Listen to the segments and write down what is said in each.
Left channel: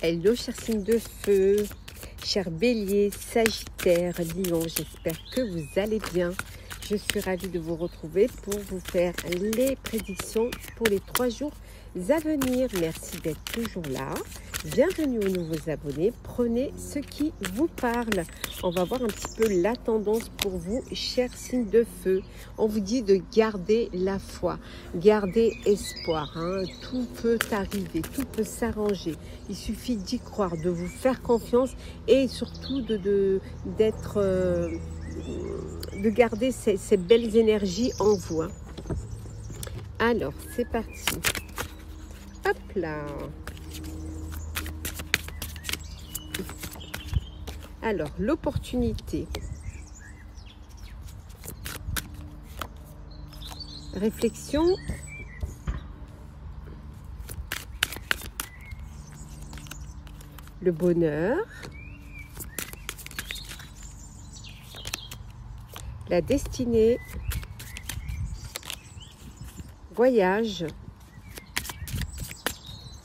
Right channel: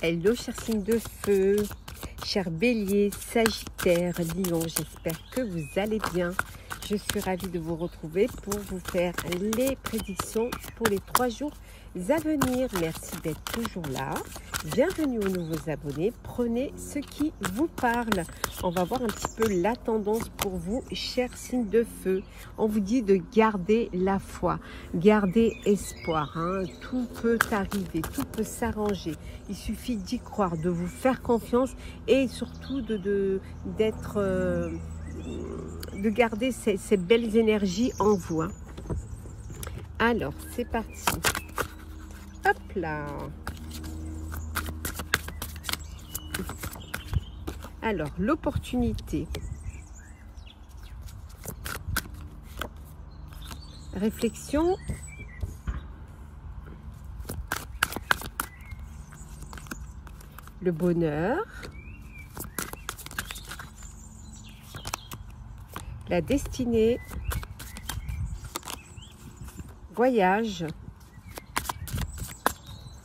Hello, chers signes de feu, chers béliers, sagittaires, lions, j'espère que vous allez bien. Je suis ravie de vous retrouver pour vous faire les prédictions pour les 3 jours à venir. Merci d'être toujours là. Bienvenue aux nouveaux abonnés. Prenez ce qui vous parle. On va voir un petit peu la tendance pour vous, chers signes de feu. On vous dit de garder la foi, garder espoir. Tout peut arriver, tout peut s'arranger. Il suffit d'y croire, de vous faire confiance et surtout de garder ces belles énergies en vous. Alors, c'est parti. Hop là. Alors, l'opportunité. Réflexion. Le bonheur. La destinée. Voyage.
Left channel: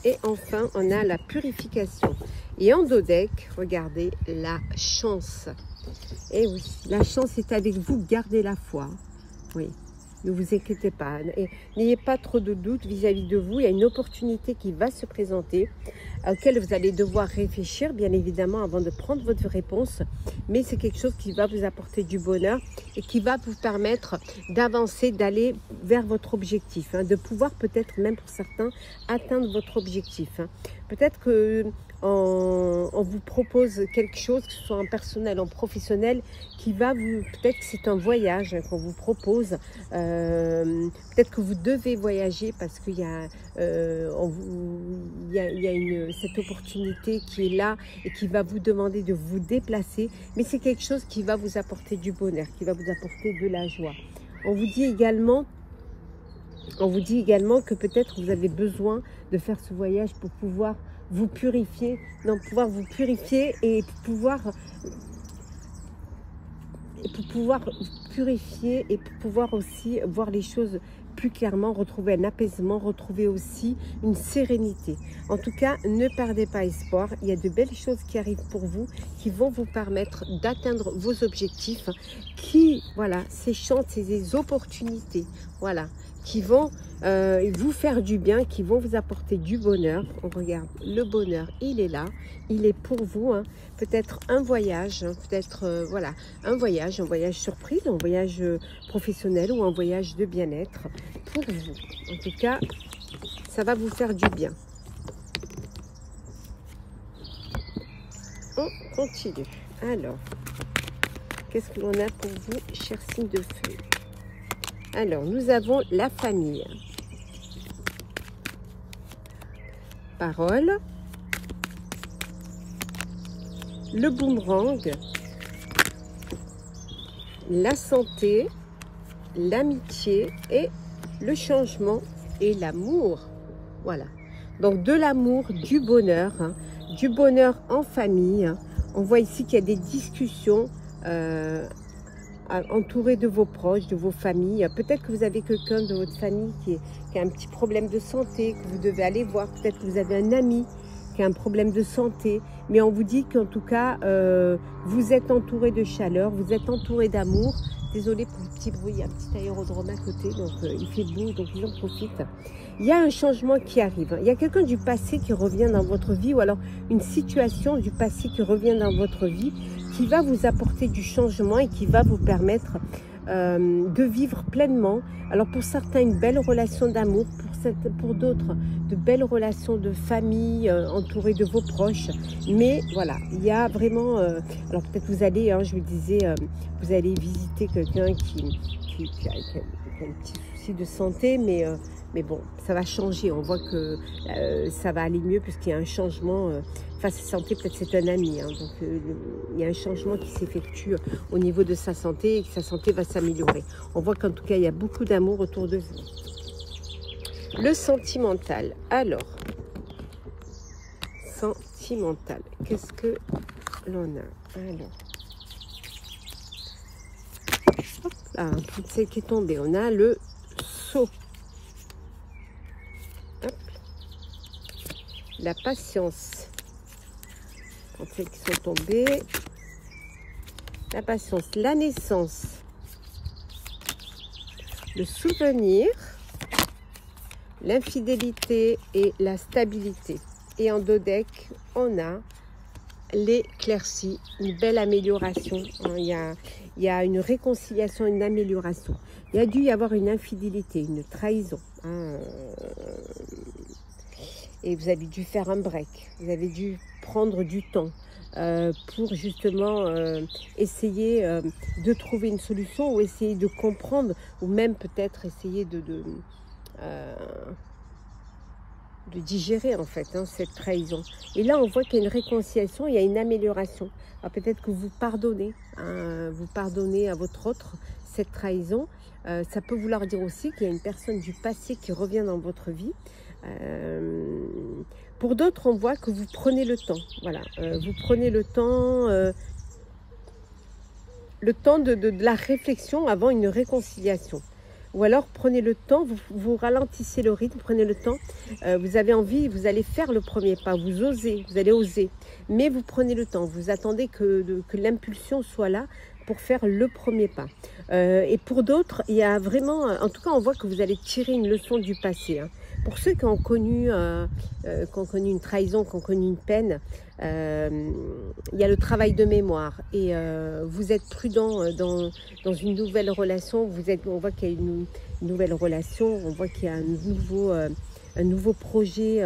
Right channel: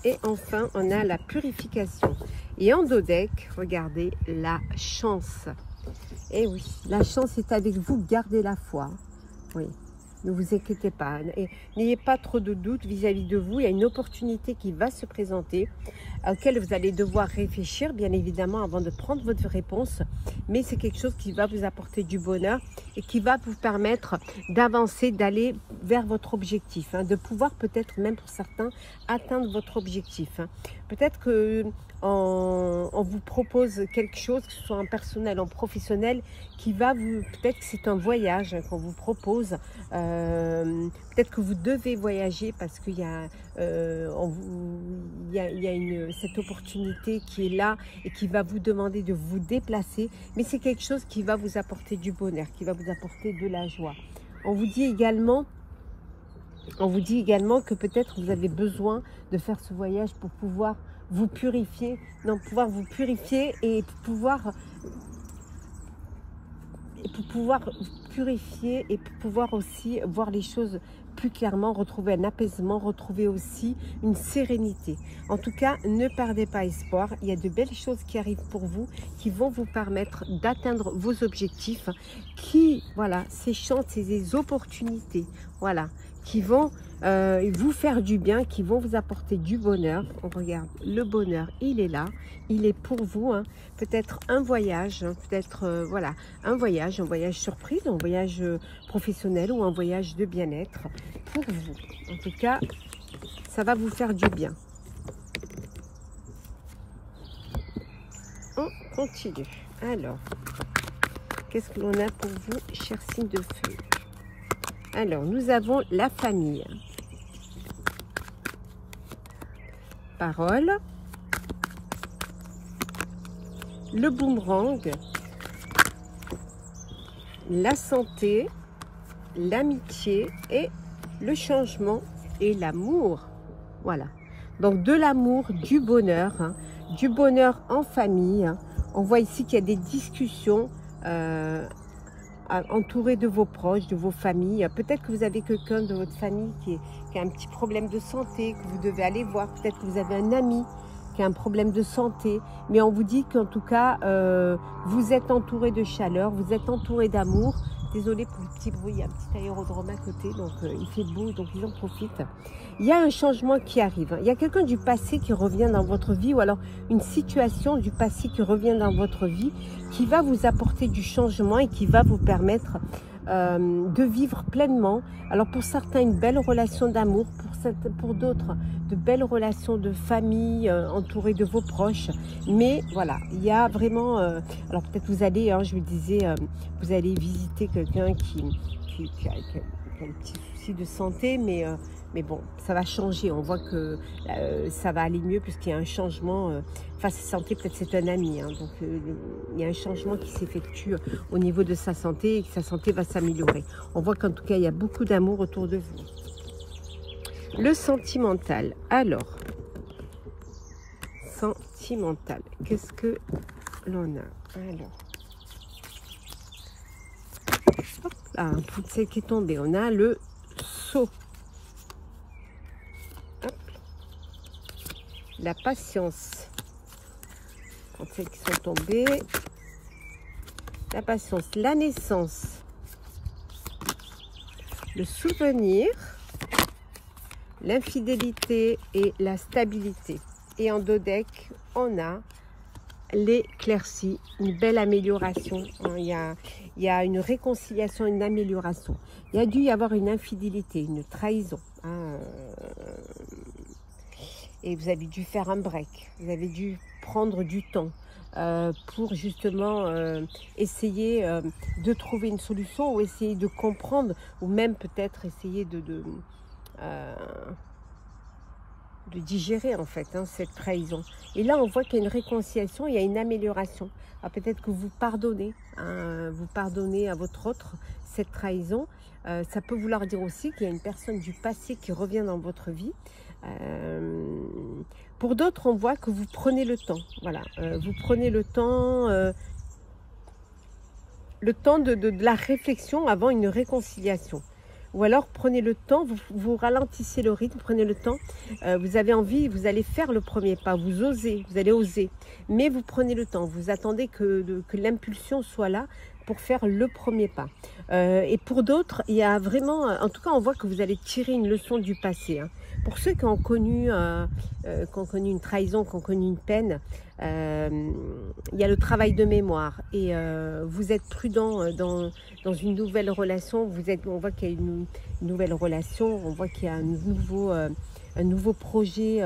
Et enfin, on a la purification. Et en dos deck, regardez, la chance. Et oui, la chance est avec vous, gardez la foi. Oui, ne vous inquiétez pas. Et n'ayez pas trop de doutes vis-à-vis de vous. Il y a une opportunité qui va se présenter, à laquelle vous allez devoir réfléchir, bien évidemment, avant de prendre votre réponse. Mais c'est quelque chose qui va vous apporter du bonheur et qui va vous permettre d'avancer, d'aller vers votre objectif, de pouvoir peut-être même pour certains atteindre votre objectif. Peut-être que on vous propose quelque chose, que ce soit en personnel, en professionnel, qui va vous, peut-être que c'est un voyage qu'on vous propose, peut-être que vous devez voyager parce qu'il y a, cette opportunité qui est là et qui va vous demander de vous déplacer, mais c'est quelque chose qui va vous apporter du bonheur, qui va vous apporter de la joie. On vous dit également que peut-être vous avez besoin de faire ce voyage pour pouvoir vous purifier, et pour pouvoir aussi voir les choses plus clairement, retrouver un apaisement, retrouver aussi une sérénité. En tout cas, ne perdez pas espoir. Il y a de belles choses qui arrivent pour vous, qui vont vous permettre d'atteindre vos objectifs, ces chances, c'est des opportunités, qui vont vous faire du bien, qui vont vous apporter du bonheur. On regarde, le bonheur, il est là, il est pour vous. Peut-être un voyage, un voyage surprise, un voyage professionnel ou un voyage de bien-être pour vous. En tout cas, ça va vous faire du bien. On continue. Alors, qu'est-ce que l'on a pour vous, chers signes de feu? Alors, nous avons la famille. Parole. Le boomerang. La santé. L'amitié et le changement et l'amour. Voilà. Donc, de l'amour, du bonheur en famille. On voit ici qu'il y a des discussions entouré de vos proches, de vos familles. Peut-être que vous avez quelqu'un de votre famille qui a un petit problème de santé, que vous devez aller voir. Peut-être que vous avez un ami qui a un problème de santé. Mais on vous dit qu'en tout cas, vous êtes entouré de chaleur, vous êtes entouré d'amour. Désolée pour le petit bruit, il y a un petit aérodrome à côté, donc il fait beau, donc j'en profite. Il y a un changement qui arrive. Il y a quelqu'un du passé qui revient dans votre vie, ou alors une situation du passé qui revient dans votre vie, qui va vous apporter du changement et qui va vous permettre de vivre pleinement. Alors pour certains, une belle relation d'amour, pour d'autres, de belles relations de famille, entourées de vos proches. Mais voilà, il y a vraiment... alors peut-être vous allez, je vous disais, vous allez visiter quelqu'un qui a un petit souci de santé, mais bon, ça va changer. On voit que ça va aller mieux puisqu'il y a un changement. Sa santé, peut-être c'est un ami. Donc, il y a un changement qui s'effectue au niveau de sa santé et que sa santé va s'améliorer. On voit qu'en tout cas, il y a beaucoup d'amour autour de vous. Le sentimental. Alors, sentimental. Qu'est-ce que l'on a? Alors, toutes celles qui est tombée. On a le sceau. La patience. en fait, qui sont tombés. La patience, la naissance, le souvenir, l'infidélité et la stabilité. Et en dos deck, on a l'éclaircie, une belle amélioration. Il y a une réconciliation, une amélioration. Il y a dû y avoir une infidélité, une trahison. Et vous avez dû faire un break. Vous avez dû prendre du temps pour justement essayer de trouver une solution ou essayer de comprendre ou même peut-être essayer de digérer en fait cette trahison. Et là on voit qu'il y a une réconciliation, il y a une amélioration. Alors peut-être que vous pardonnez à votre autre cette trahison. Ça peut vouloir dire aussi qu'il y a une personne du passé qui revient dans votre vie. Pour d'autres, on voit que vous prenez le temps. Voilà, vous prenez le temps de la réflexion avant une réconciliation. Ou alors prenez le temps, vous ralentissez le rythme, prenez le temps. Vous avez envie, vous allez faire le premier pas, vous osez, vous allez oser. Mais vous prenez le temps, vous attendez que l'impulsion soit là pour faire le premier pas. Et pour d'autres, il y a vraiment, en tout cas on voit que vous allez tirer une leçon du passé. Pour ceux qui ont connu une trahison, qui ont connu une peine, il y a le travail de mémoire. Et vous êtes prudent dans une nouvelle relation. On voit qu'il y a une nouvelle relation, on voit qu'il y a un nouveau projet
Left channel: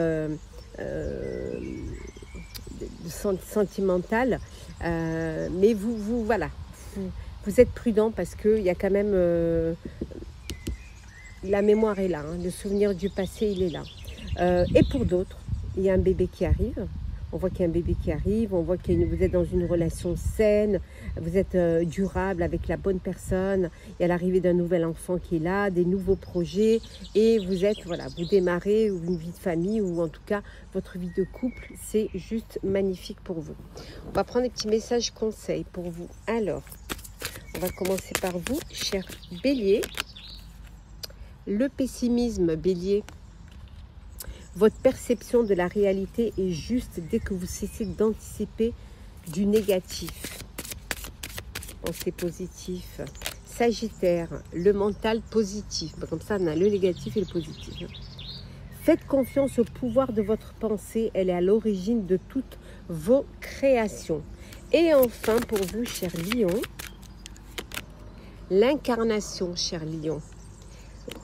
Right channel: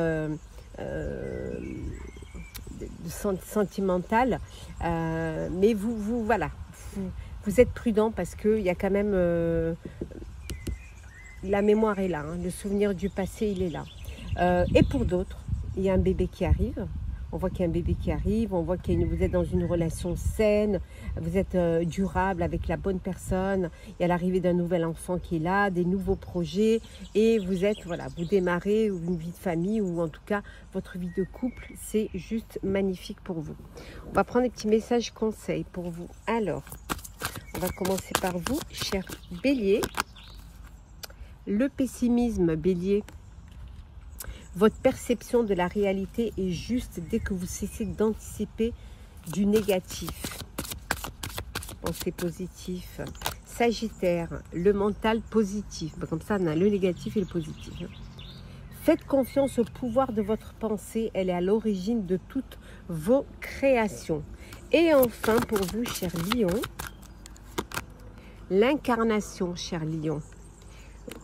sentimental. Mais voilà, vous êtes prudent parce qu'il y a quand même... la mémoire est là, le souvenir du passé, il est là. Et pour d'autres, il y a un bébé qui arrive. On voit qu'il y a un bébé qui arrive, on voit que vous êtes dans une relation saine, vous êtes durable avec la bonne personne. Il y a l'arrivée d'un nouvel enfant qui est là, des nouveaux projets. Et vous êtes, voilà, vous démarrez une vie de famille ou en tout cas votre vie de couple. C'est juste magnifique pour vous. On va prendre des petits messages conseils pour vous. Alors, on va commencer par vous, cher Bélier. Le pessimisme, Bélier. Votre perception de la réalité est juste dès que vous cessez d'anticiper du négatif. Pensez positif. Sagittaire, le mental positif. Comme ça, on a le négatif et le positif. Faites confiance au pouvoir de votre pensée. Elle est à l'origine de toutes vos créations. Et enfin, pour vous, cher Lion, l'incarnation, cher Lion.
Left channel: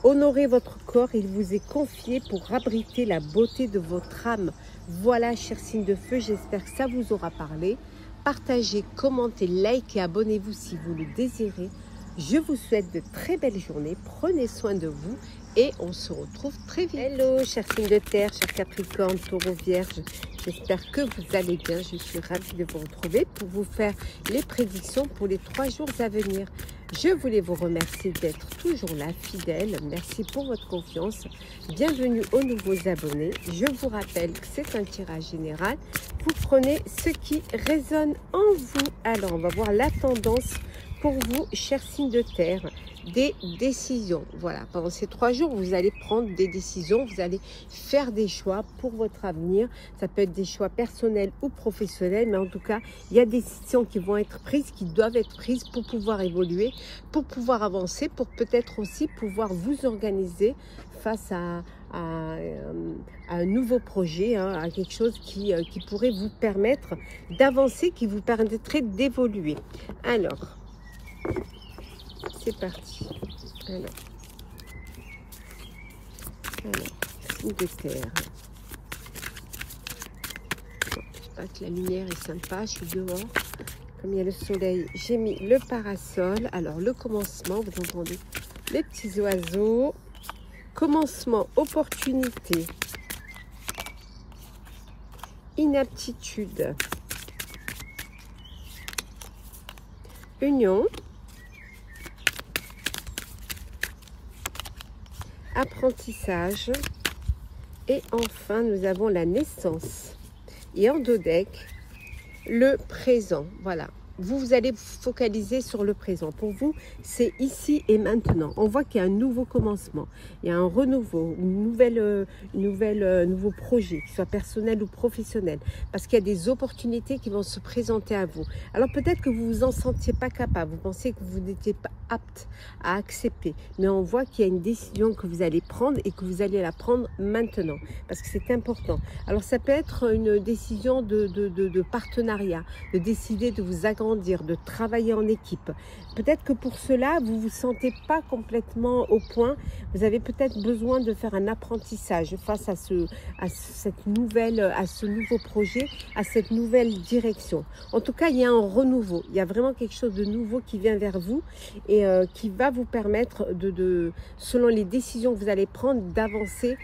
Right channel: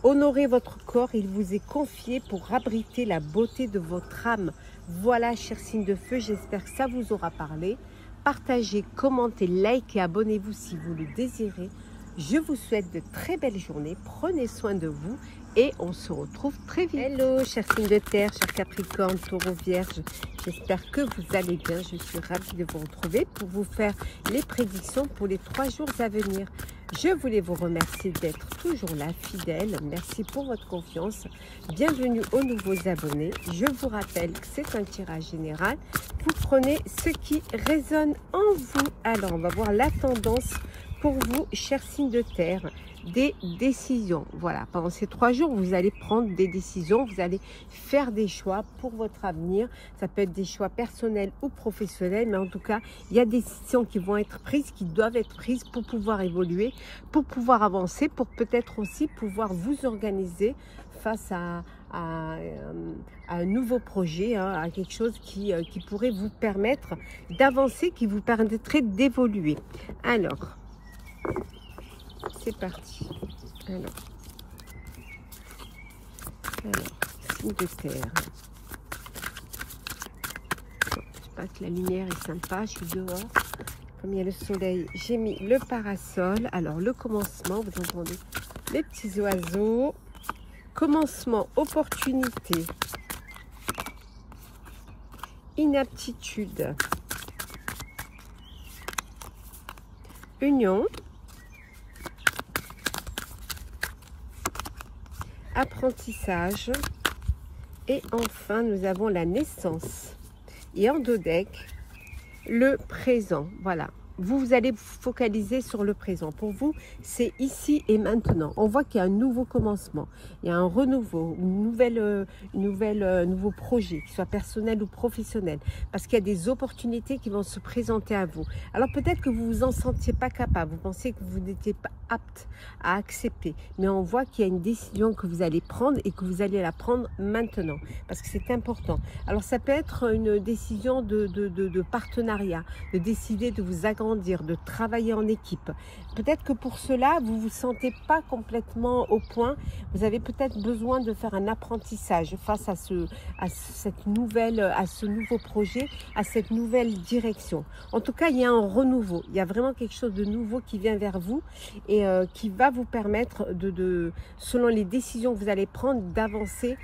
Honorez votre corps, il vous est confié pour abriter la beauté de votre âme. Voilà, cher signe de feu, j'espère que ça vous aura parlé. Partagez, commentez, likez, abonnez-vous si vous le désirez. Je vous souhaite de très belles journées, prenez soin de vous et on se retrouve très vite. Hello, chers signes de terre, chers Capricorne, Taureau, Vierge, j'espère que vous allez bien. Je suis ravie de vous retrouver pour vous faire les prédictions pour les 3 jours à venir. Je voulais vous remercier d'être toujours là, fidèle. Merci pour votre confiance. Bienvenue aux nouveaux abonnés. Je vous rappelle que c'est un tirage général. Vous prenez ce qui résonne en vous. Alors, on va voir la tendance pour vous, chers signes de terre. Des décisions. Voilà, pendant ces 3 jours, vous allez prendre des décisions, vous allez faire des choix pour votre avenir. Ça peut être des choix personnels ou professionnels, mais en tout cas, il y a des décisions qui vont être prises, qui doivent être prises pour pouvoir évoluer, pour pouvoir avancer, pour peut-être aussi pouvoir vous organiser face à un nouveau projet, à quelque chose qui pourrait vous permettre d'avancer, qui vous permettrait d'évoluer. Alors, c'est parti. Alors, signe de terre. J'espère que la lumière est sympa. Je suis dehors. Comme il y a le soleil, j'ai mis le parasol. Alors, le commencement, vous entendez les petits oiseaux. Commencement, opportunité. Inaptitude. Union. Apprentissage et enfin nous avons la naissance et en 2 decks le présent. Voilà, vous allez vous focaliser sur le présent. Pour vous, c'est ici et maintenant. On voit qu'il y a un nouveau commencement, il y a un renouveau, nouveau projet, qu'il soit personnel ou professionnel, parce qu'il y a des opportunités qui vont se présenter à vous. Alors peut-être que vous vous en sentiez pas capable, vous pensez que vous n'étiez pas apte à accepter, mais on voit qu'il y a une décision que vous allez prendre et que vous allez la prendre maintenant, parce que c'est important. Alors ça peut être une décision de partenariat, de décider de vous agrandir, de travailler en équipe. Peut-être que pour cela, vous ne vous sentez pas complètement au point. Vous avez peut-être besoin de faire un apprentissage face à ce nouveau projet, à cette nouvelle direction. En tout cas, il y a un renouveau. Il y a vraiment quelque chose de nouveau qui vient vers vous et qui va vous permettre, selon les décisions que vous allez prendre, d'avancer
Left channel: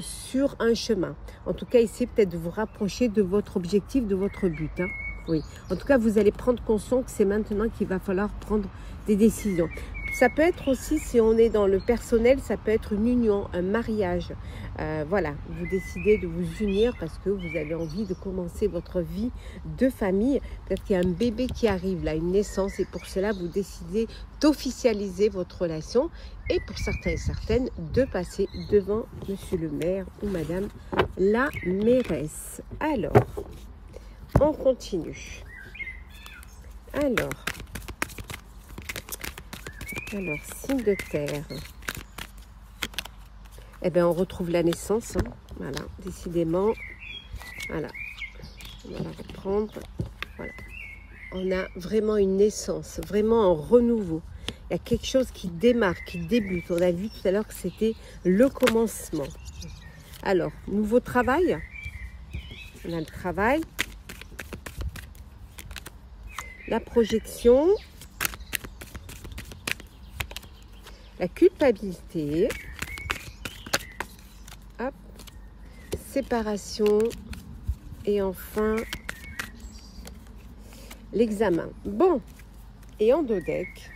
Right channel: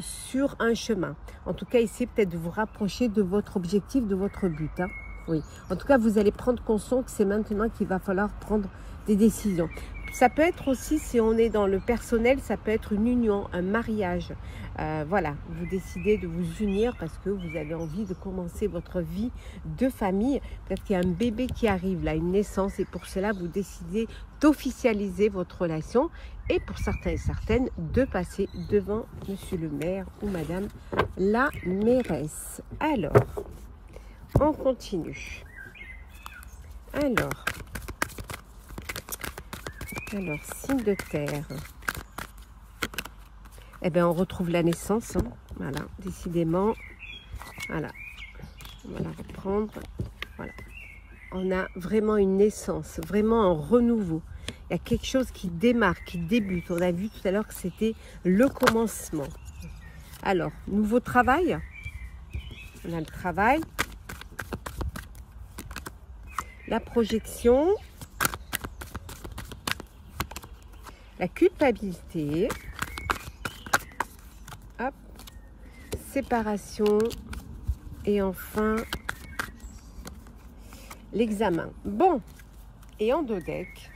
sur un chemin. En tout cas, essayez peut-être de vous rapprocher de votre objectif, de votre but. Hein. Oui, en tout cas, vous allez prendre conscience que c'est maintenant qu'il va falloir prendre des décisions. Ça peut être aussi, si on est dans le personnel, ça peut être une union, un mariage. Voilà, vous décidez de vous unir parce que vous avez envie de commencer votre vie de famille. Peut-être qu'il y a un bébé qui arrive là, une naissance, et pour cela, vous décidez d'officialiser votre relation. Et pour certains et certaines, de passer devant monsieur le maire ou madame la mairesse. Alors, on continue. Alors, signe de terre. Eh bien, on retrouve la naissance. Hein. Voilà, décidément. Voilà. On va reprendre. Voilà. On a vraiment une naissance, vraiment un renouveau. Il y a quelque chose qui démarre, qui débute. On a vu tout à l'heure que c'était le commencement. Alors, nouveau travail. On a le travail. La projection. La culpabilité. Hop. Séparation. Et enfin, l'examen. Bon. Et en deux decks,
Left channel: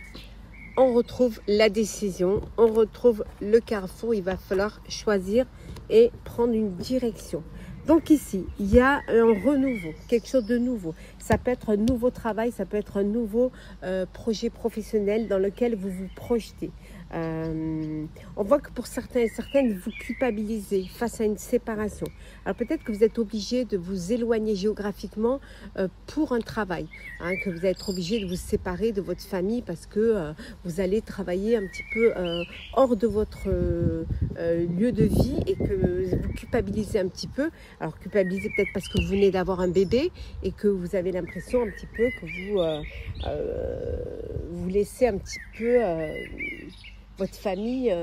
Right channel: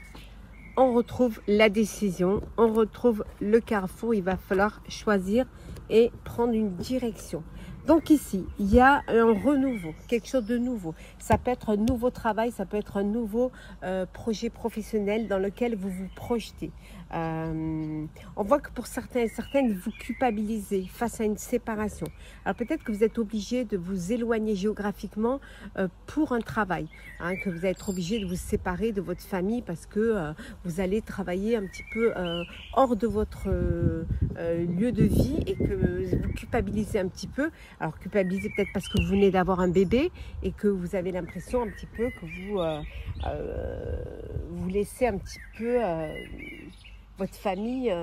on retrouve la décision. On retrouve le carrefour. Il va falloir choisir et prendre une direction. Donc ici, il y a un renouveau, quelque chose de nouveau. Ça peut être un nouveau travail, ça peut être un nouveau projet professionnel dans lequel vous vous projetez. On voit que pour certains et certaines, vous culpabilisez face à une séparation. Alors peut-être que vous êtes obligé de vous éloigner géographiquement pour un travail, hein, que vous allez être obligé de vous séparer de votre famille parce que vous allez travailler un petit peu hors de votre lieu de vie et que vous culpabilisez un petit peu. Alors culpabiliser peut-être parce que vous venez d'avoir un bébé et que vous avez l'impression un petit peu que vous laissez un petit peu votre famille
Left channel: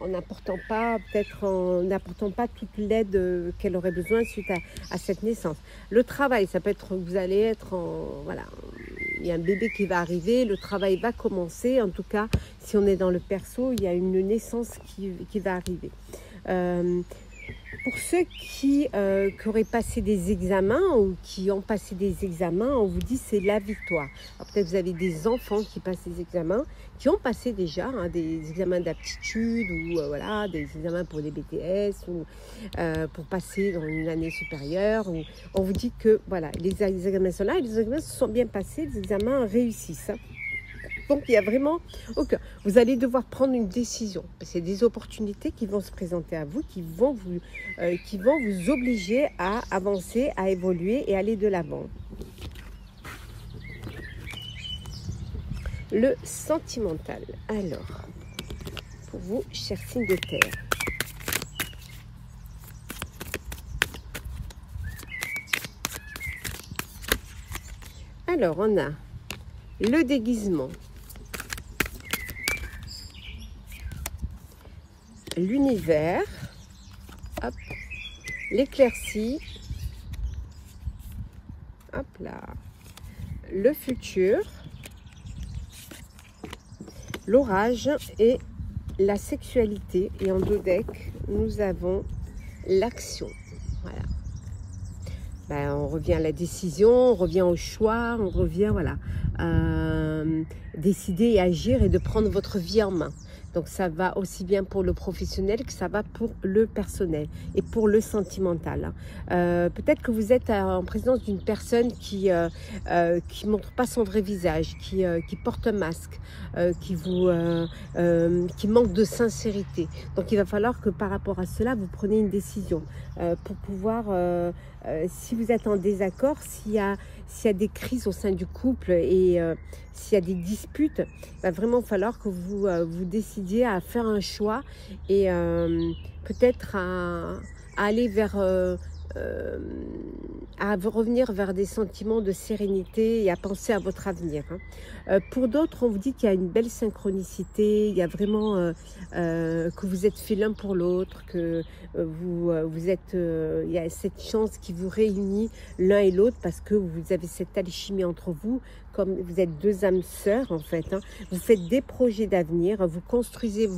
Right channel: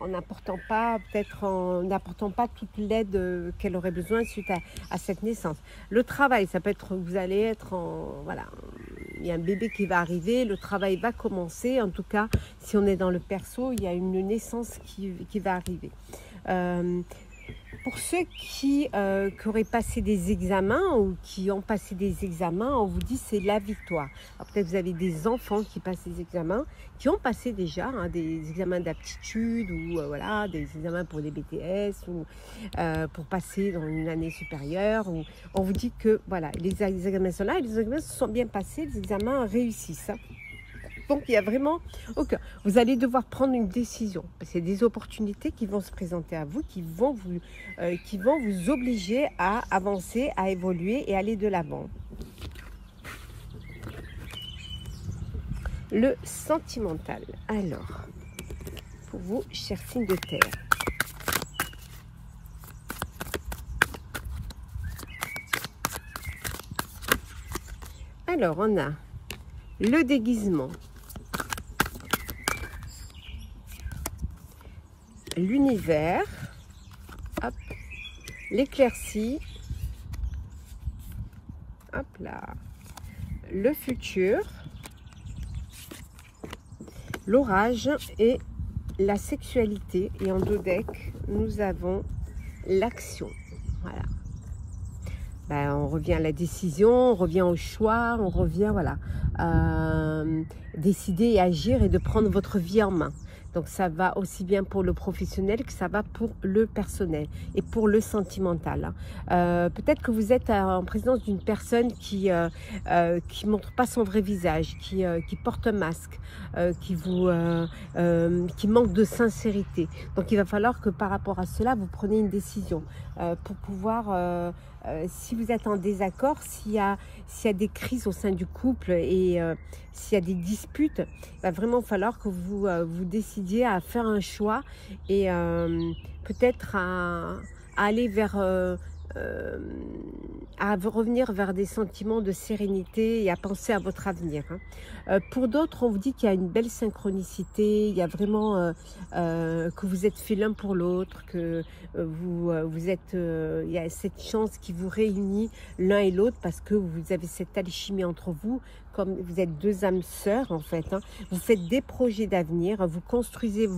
en n'apportant pas, peut-être en n'apportant pas toute l'aide qu'elle aurait besoin suite à cette naissance. Le travail, ça peut être, vous allez être en, voilà, il y a un bébé qui va arriver, le travail va commencer. En tout cas, si on est dans le perso, il y a une naissance qui va arriver. Pour ceux qui auraient passé des examens ou qui ont passé des examens, on vous dit c'est la victoire. Peut-être vous avez des enfants qui passent des examens, qui ont passé déjà hein, des examens d'aptitude ou voilà, des examens pour les BTS ou pour passer dans une année supérieure. Ou, on vous dit que voilà, les examens sont là et les examens se sont bien passés, les examens réussissent. Hein. Donc, il y a vraiment... Okay. Vous allez devoir prendre une décision. C'est des opportunités qui vont se présenter à vous, qui vont vous obliger à avancer, à évoluer et aller de l'avant. Le sentimental. Alors, pour vous, chers signes de terre. Alors, on a le déguisement. L'univers, l'éclaircie, hop là, le futur, l'orage et la sexualité. Et en deux decks, nous avons l'action. Voilà. Ben, on revient à la décision, on revient au choix, on revient voilà, décider et agir et de prendre votre vie en main. Donc ça va aussi bien pour le professionnel que ça va pour le personnel et pour le sentimental. Peut-être que vous êtes en présence d'une personne qui montre pas son vrai visage, qui porte un masque, qui manque de sincérité. Donc il va falloir que par rapport à cela, vous preniez une décision pour pouvoir, si vous êtes en désaccord, s'il y a des crises au sein du couple et s'il y a des disputes, il va vraiment falloir que vous décidiez à faire un choix et peut-être à aller vers à revenir vers des sentiments de sérénité et à penser à votre avenir. Pour d'autres, on vous dit qu'il y a une belle synchronicité, il y a vraiment que vous êtes faits l'un pour l'autre, que vous êtes, il y a cette chance qui vous réunit l'un et l'autre parce que vous avez cette alchimie entre vous, comme vous êtes deux âmes sœurs en fait. Vous faites des projets d'avenir, vous construisez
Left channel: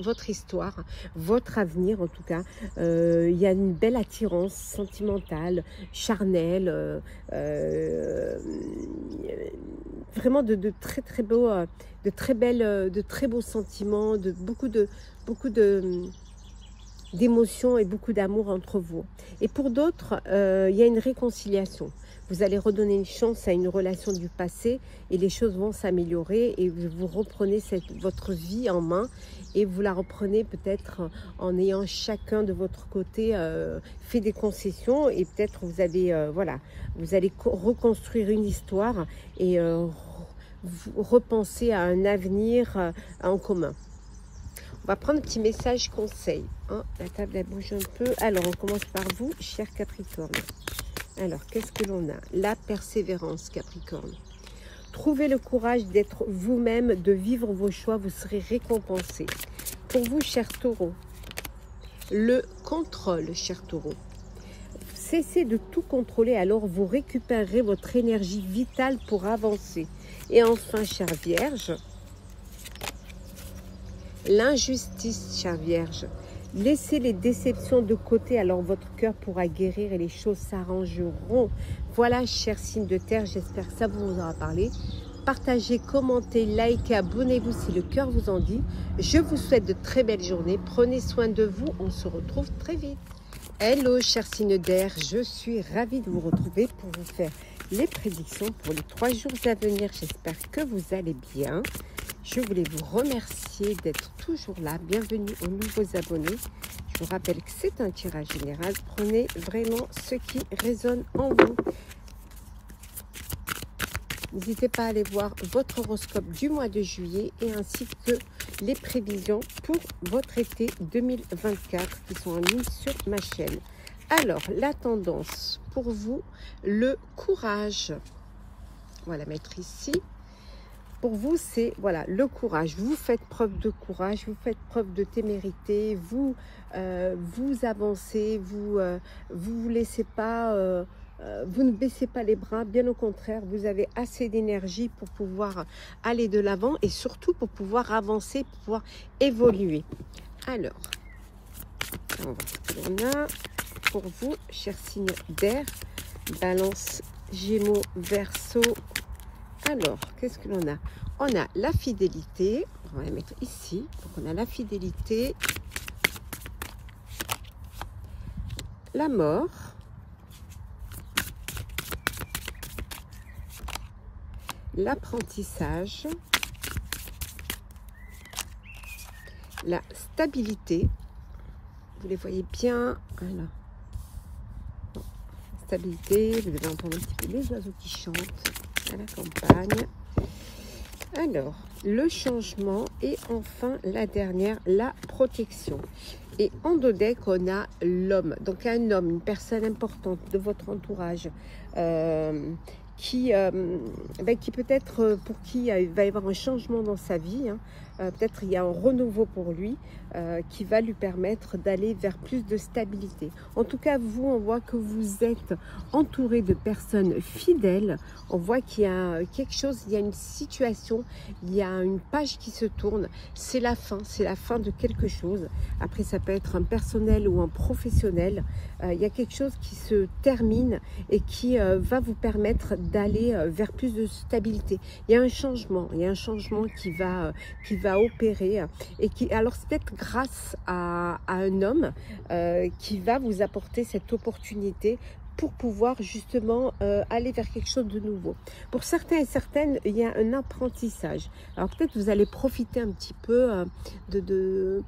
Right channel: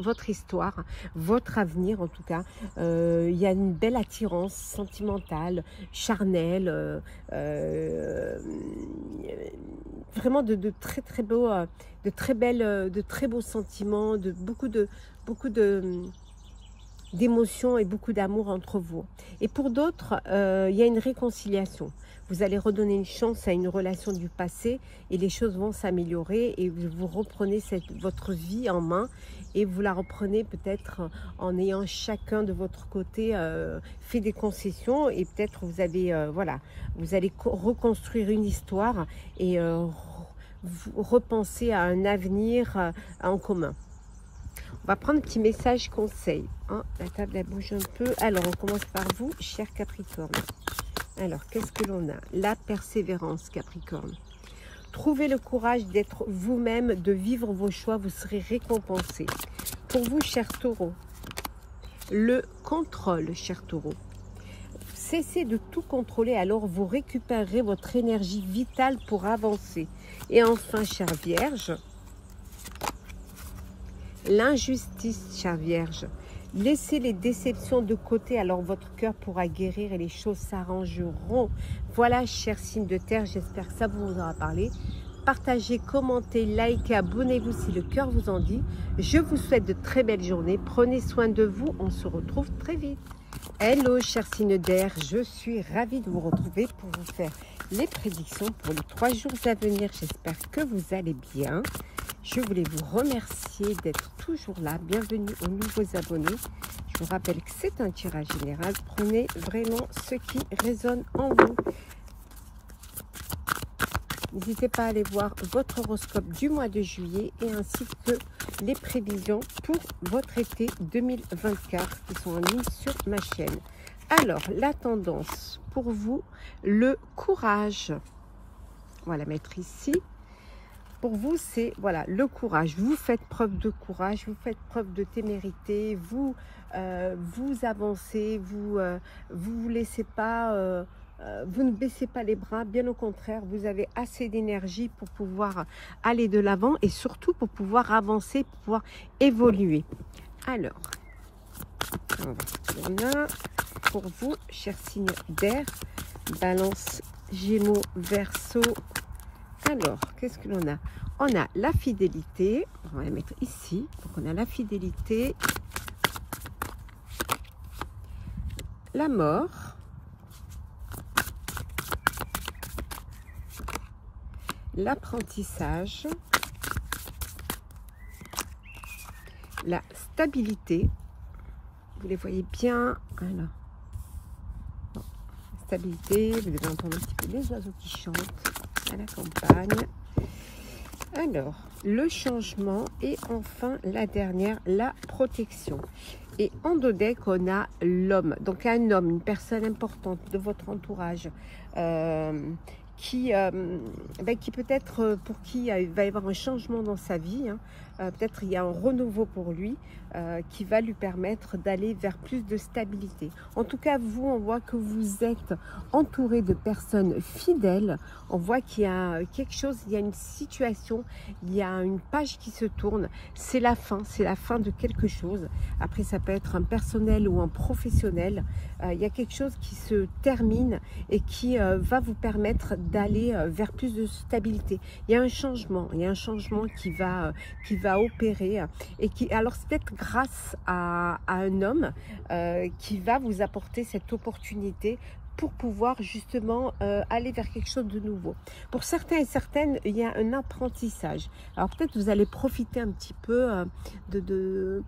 votre histoire, votre avenir en tout cas. Il y a une belle attirance sentimentale, charnelle, vraiment de très beaux, de très beaux sentiments, de beaucoup d'émotions et beaucoup d'amour entre vous. Et pour d'autres, il y a une réconciliation. Vous allez redonner une chance à une relation du passé et les choses vont s'améliorer et vous reprenez votre vie en main et vous la reprenez peut-être en ayant chacun de votre côté fait des concessions et peut-être vous allez, voilà, vous allez reconstruire une histoire et repenser à un avenir en commun. On va prendre un petit message conseil. Oh, la table elle bouge un peu. Alors, on commence par vous, cher Capricorne. Alors, qu'est-ce que l'on a? La persévérance, Capricorne. Trouvez le courage d'être vous-même, de vivre vos choix, vous serez récompensé. Pour vous, cher Taureau, le contrôle, cher Taureau. Cessez de tout contrôler, alors vous récupérerez votre énergie vitale pour avancer. Et enfin, cher Vierge, l'injustice, chère Vierge. Laissez les déceptions de côté, alors votre cœur pourra guérir et les choses s'arrangeront. Voilà, chers signes de terre, j'espère que ça vous aura parlé. Partagez, commentez, likez, abonnez-vous si le cœur vous en dit. Je vous souhaite de très belles journées. Prenez soin de vous. On se retrouve très vite. Hello, chers signes d'air. Je suis ravie de vous retrouver pour vous faire les prédictions pour les 3 jours à venir. J'espère que vous allez bien. Je voulais vous remercier d'être toujours là. Bienvenue aux nouveaux abonnés. Je vous rappelle que c'est un tirage général. Prenez vraiment ce qui résonne en vous. N'hésitez pas à aller voir votre horoscope du mois de juillet et ainsi que les prévisions pour votre été 2024 qui sont en ligne sur ma chaîne. Alors, la tendance pour vous, le courage. On va la mettre ici. Pour vous, c'est voilà, le courage. Vous faites preuve de courage, vous faites preuve de témérité, vous avancez, vous laissez pas, vous ne baissez pas les bras, bien au contraire, vous avez assez d'énergie pour pouvoir aller de l'avant et surtout pour pouvoir avancer, pour pouvoir évoluer. Alors, on a pour vous, chers signes d'air, Balance, Gémeaux, Verseau. Alors, qu'est-ce que l'on a? On a la fidélité, on va la mettre ici. Donc on a la fidélité, la mort, l'apprentissage, la stabilité. Vous les voyez bien. Alors, stabilité, vous allez entendre un petit peu les oiseaux qui chantent à la campagne. Alors, le changement et enfin la dernière, la protection. Et en dos deck, on a l'homme. Donc un homme, une personne importante de votre entourage qui peut-être pour qui il va y avoir un changement dans sa vie. Peut-être il y a un renouveau pour lui qui va lui permettre d'aller vers plus de stabilité. En tout cas, vous, on voit que vous êtes entouré de personnes fidèles. On voit qu'il y a quelque chose, il y a une situation, il y a une page qui se tourne. C'est la fin de quelque chose. Après, ça peut être un personnel ou un professionnel. Il y a quelque chose qui se termine et qui va vous permettre d'aller vers plus de stabilité. Il y a un changement qui va va opérer et qui, alors c'est peut-être grâce à un homme qui va vous apporter cette opportunité pour pouvoir justement aller vers quelque chose de nouveau. Pour certains et certaines, il y a un apprentissage. Alors peut-être vous allez profiter un petit peu de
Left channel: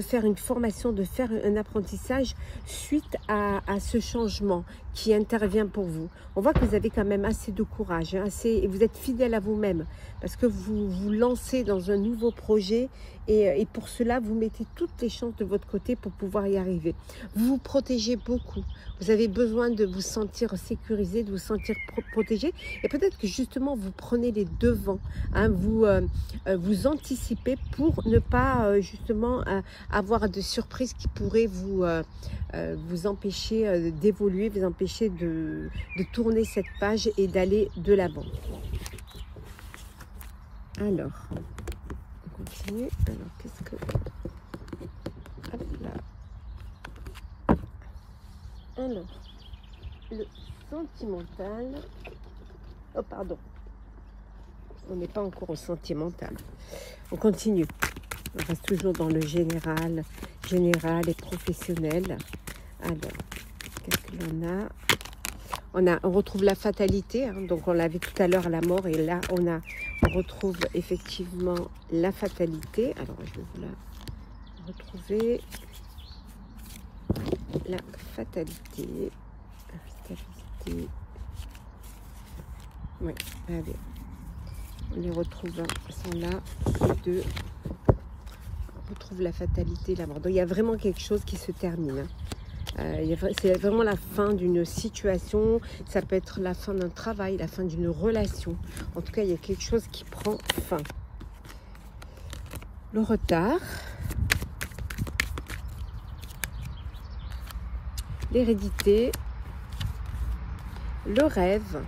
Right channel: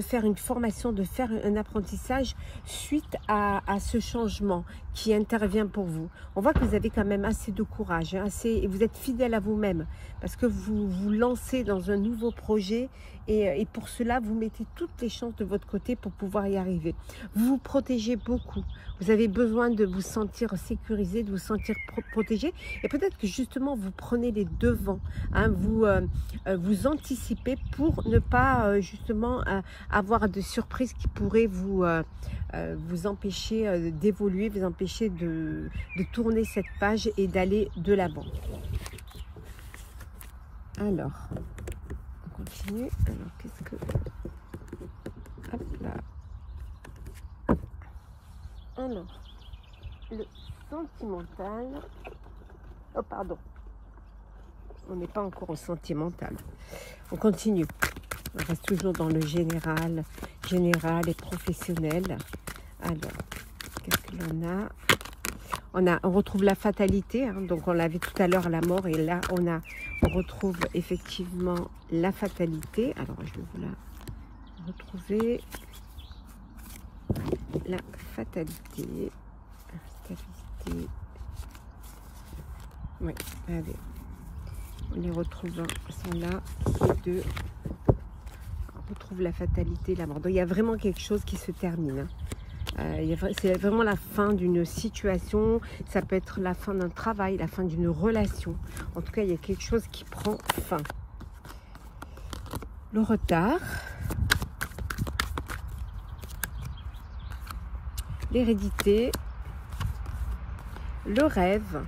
faire une formation, de faire un apprentissage suite à ce changement qui intervient pour vous. On voit que vous avez quand même assez de courage, hein, et vous êtes fidèle à vous-même parce que vous vous lancez dans un nouveau projet et pour cela, vous mettez toutes les chances de votre côté pour pouvoir y arriver. Vous vous protégez beaucoup. Vous avez besoin de vous sentir sécurisé, de vous sentir protégé. Et peut-être que justement, vous prenez les devants. Hein, vous anticipez pour ne pas justement avoir de surprises qui pourraient vous empêcher d'évoluer, vous empêcher de tourner cette page et d'aller de l'avant. Alors, on continue. Qu'est-ce que... Hop là. Alors, le sentimental. Oh, pardon. On n'est pas encore au sentimental. On continue. On reste toujours dans le général et professionnel. Alors, qu'est-ce que l'on a? On retrouve la fatalité. Hein, donc, on l'avait tout à l'heure, la mort. Et là, on retrouve effectivement la fatalité. Alors, je vais vous la retrouver. La fatalité. Oui, allez. On les retrouve, sont là, deux. On retrouve la fatalité, la mort. Donc, il y a vraiment quelque chose qui se termine. C'est vraiment la fin d'une situation. Ça peut être la fin d'un travail, la fin d'une relation. En tout cas, il y a quelque chose qui prend fin. Le retard. L'hérédité. Le rêve.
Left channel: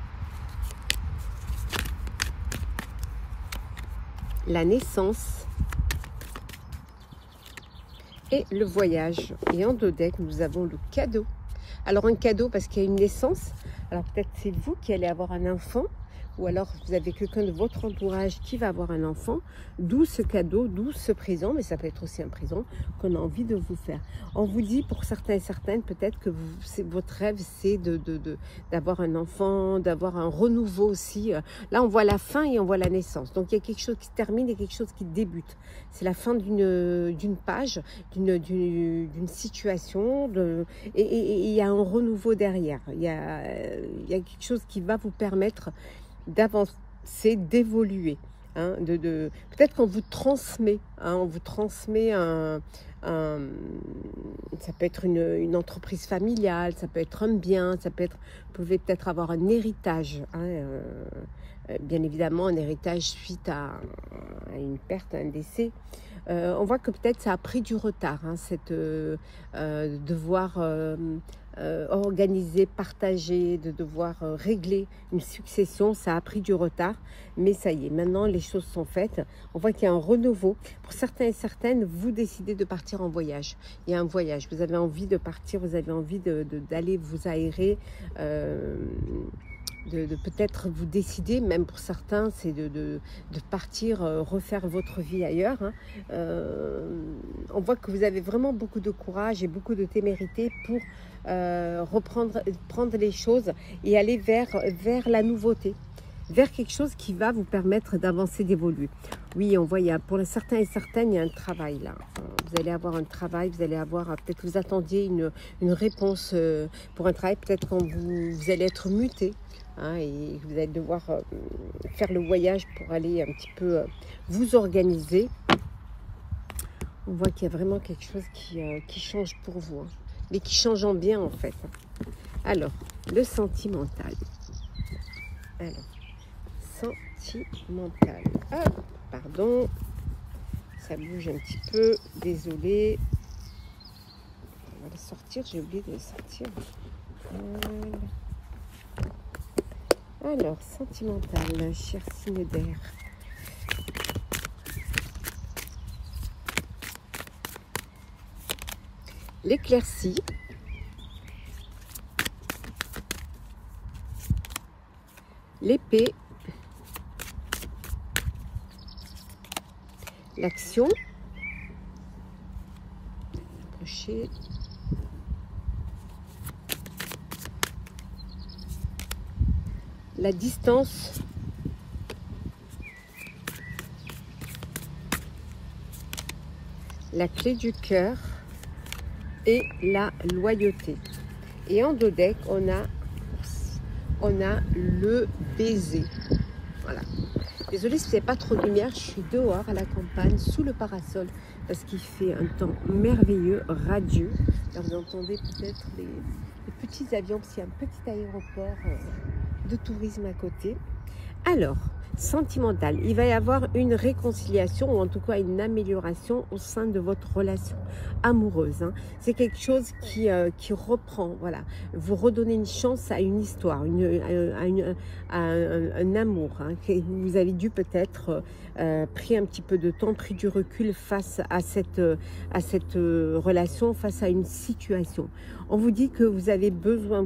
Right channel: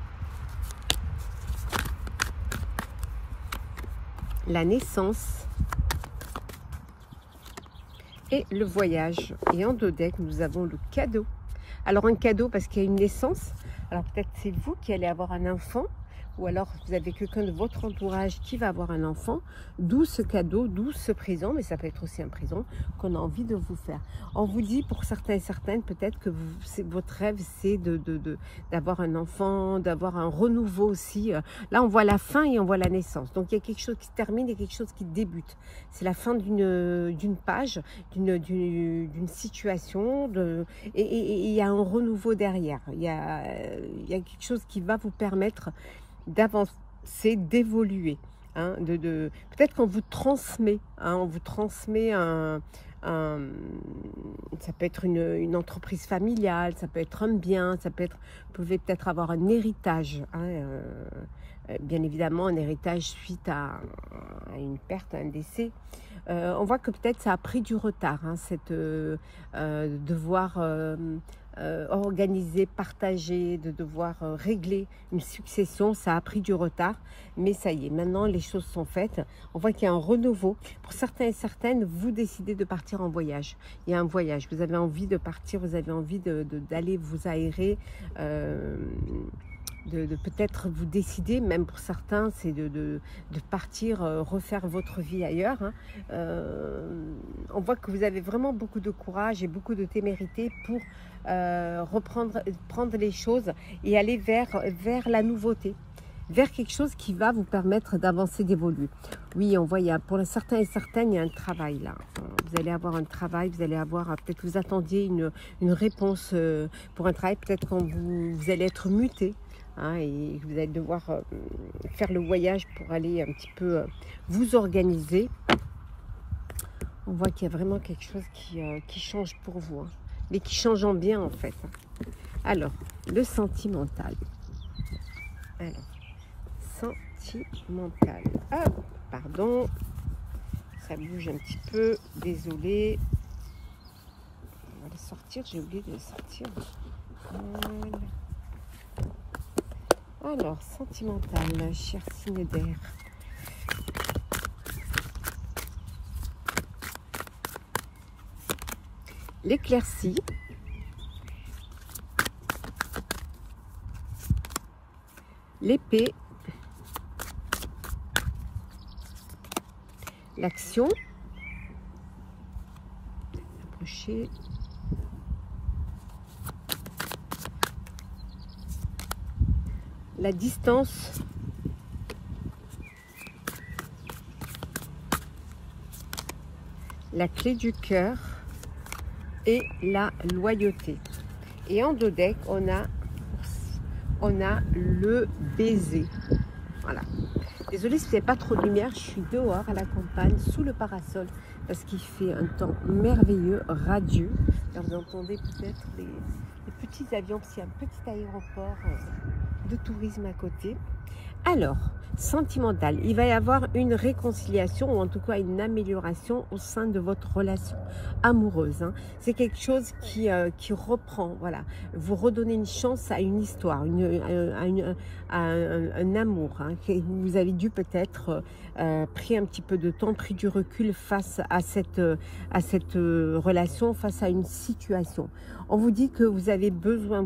La naissance et le voyage. Et en dos deck, nous avons le cadeau. Alors un cadeau parce qu'il y a une naissance. Alors peut-être c'est vous qui allez avoir un enfant, ou alors vous avez quelqu'un de votre entourage qui va avoir un enfant, d'où ce cadeau, d'où ce présent, mais ça peut être aussi un présent qu'on a envie de vous faire. On vous dit pour certains et certaines, peut-être que votre rêve c'est d'avoir un enfant, d'avoir un renouveau aussi. Là on voit la fin et on voit la naissance, donc il y a quelque chose qui se termine et quelque chose qui débute. C'est la fin d'une page, d'une situation, et il y a un renouveau derrière. Il y a quelque chose qui va vous permettre d'avancer, d'évoluer. Hein, peut-être qu'on vous transmet, hein, on vous transmet ça peut être une entreprise familiale, ça peut être un bien, ça peut être, vous pouvez peut-être avoir un héritage, hein, bien évidemment un héritage suite à une perte, à un décès. On voit que peut-être ça a pris du retard, hein, devoir organiser, partager, de devoir régler une succession, ça a pris du retard, mais ça y est, maintenant les choses sont faites. On voit qu'il y a un renouveau. Pour certains et certaines, vous décidez de partir en voyage. Il y a un voyage, vous avez envie de partir, vous avez envie d'aller vous aérer, de peut-être vous décider, même pour certains, c'est de partir refaire votre vie ailleurs. Hein. On voit que vous avez vraiment beaucoup de courage et beaucoup de témérité pour prendre les choses et aller vers la nouveauté, vers quelque chose qui va vous permettre d'avancer, d'évoluer. Oui, on voit, pour certains et certaines, il y a un travail là. Vous allez avoir un travail, vous allez avoir, peut-être vous attendiez une réponse pour un travail, peut-être quand vous allez être muté. Hein, et vous allez devoir faire le voyage pour aller un petit peu vous organiser. On voit qu'il y a vraiment quelque chose qui change pour vous, hein, mais qui change en bien en fait. Alors, le sentimental. Alors, sentimental. Ah, pardon, ça bouge un petit peu, désolé. On va le sortir, j'ai oublié de le sortir. Alors, sentimental, ma chère signe d'air. L'éclaircie. L'épée. l'action, approcher, la distance, la clé du cœur et la loyauté. Et en dos deck, on a le baiser. Voilà. Désolée si c'est pas trop de lumière, je suis dehors à la campagne, sous le parasol, parce qu'il fait un temps merveilleux, radieux. Alors, vous entendez peut-être les petits avions, parce qu'il y a un petit aéroport de tourisme à côté. Alors, sentimental, il va y avoir une réconciliation, ou en tout cas une amélioration au sein de votre relation amoureuse. Hein. C'est quelque chose qui reprend, voilà. Vous redonnez une chance à une histoire, un amour. Hein, que vous avez dû peut-être pris un petit peu de temps, pris du recul face à cette relation, face à une situation. On vous dit que vous avez besoin,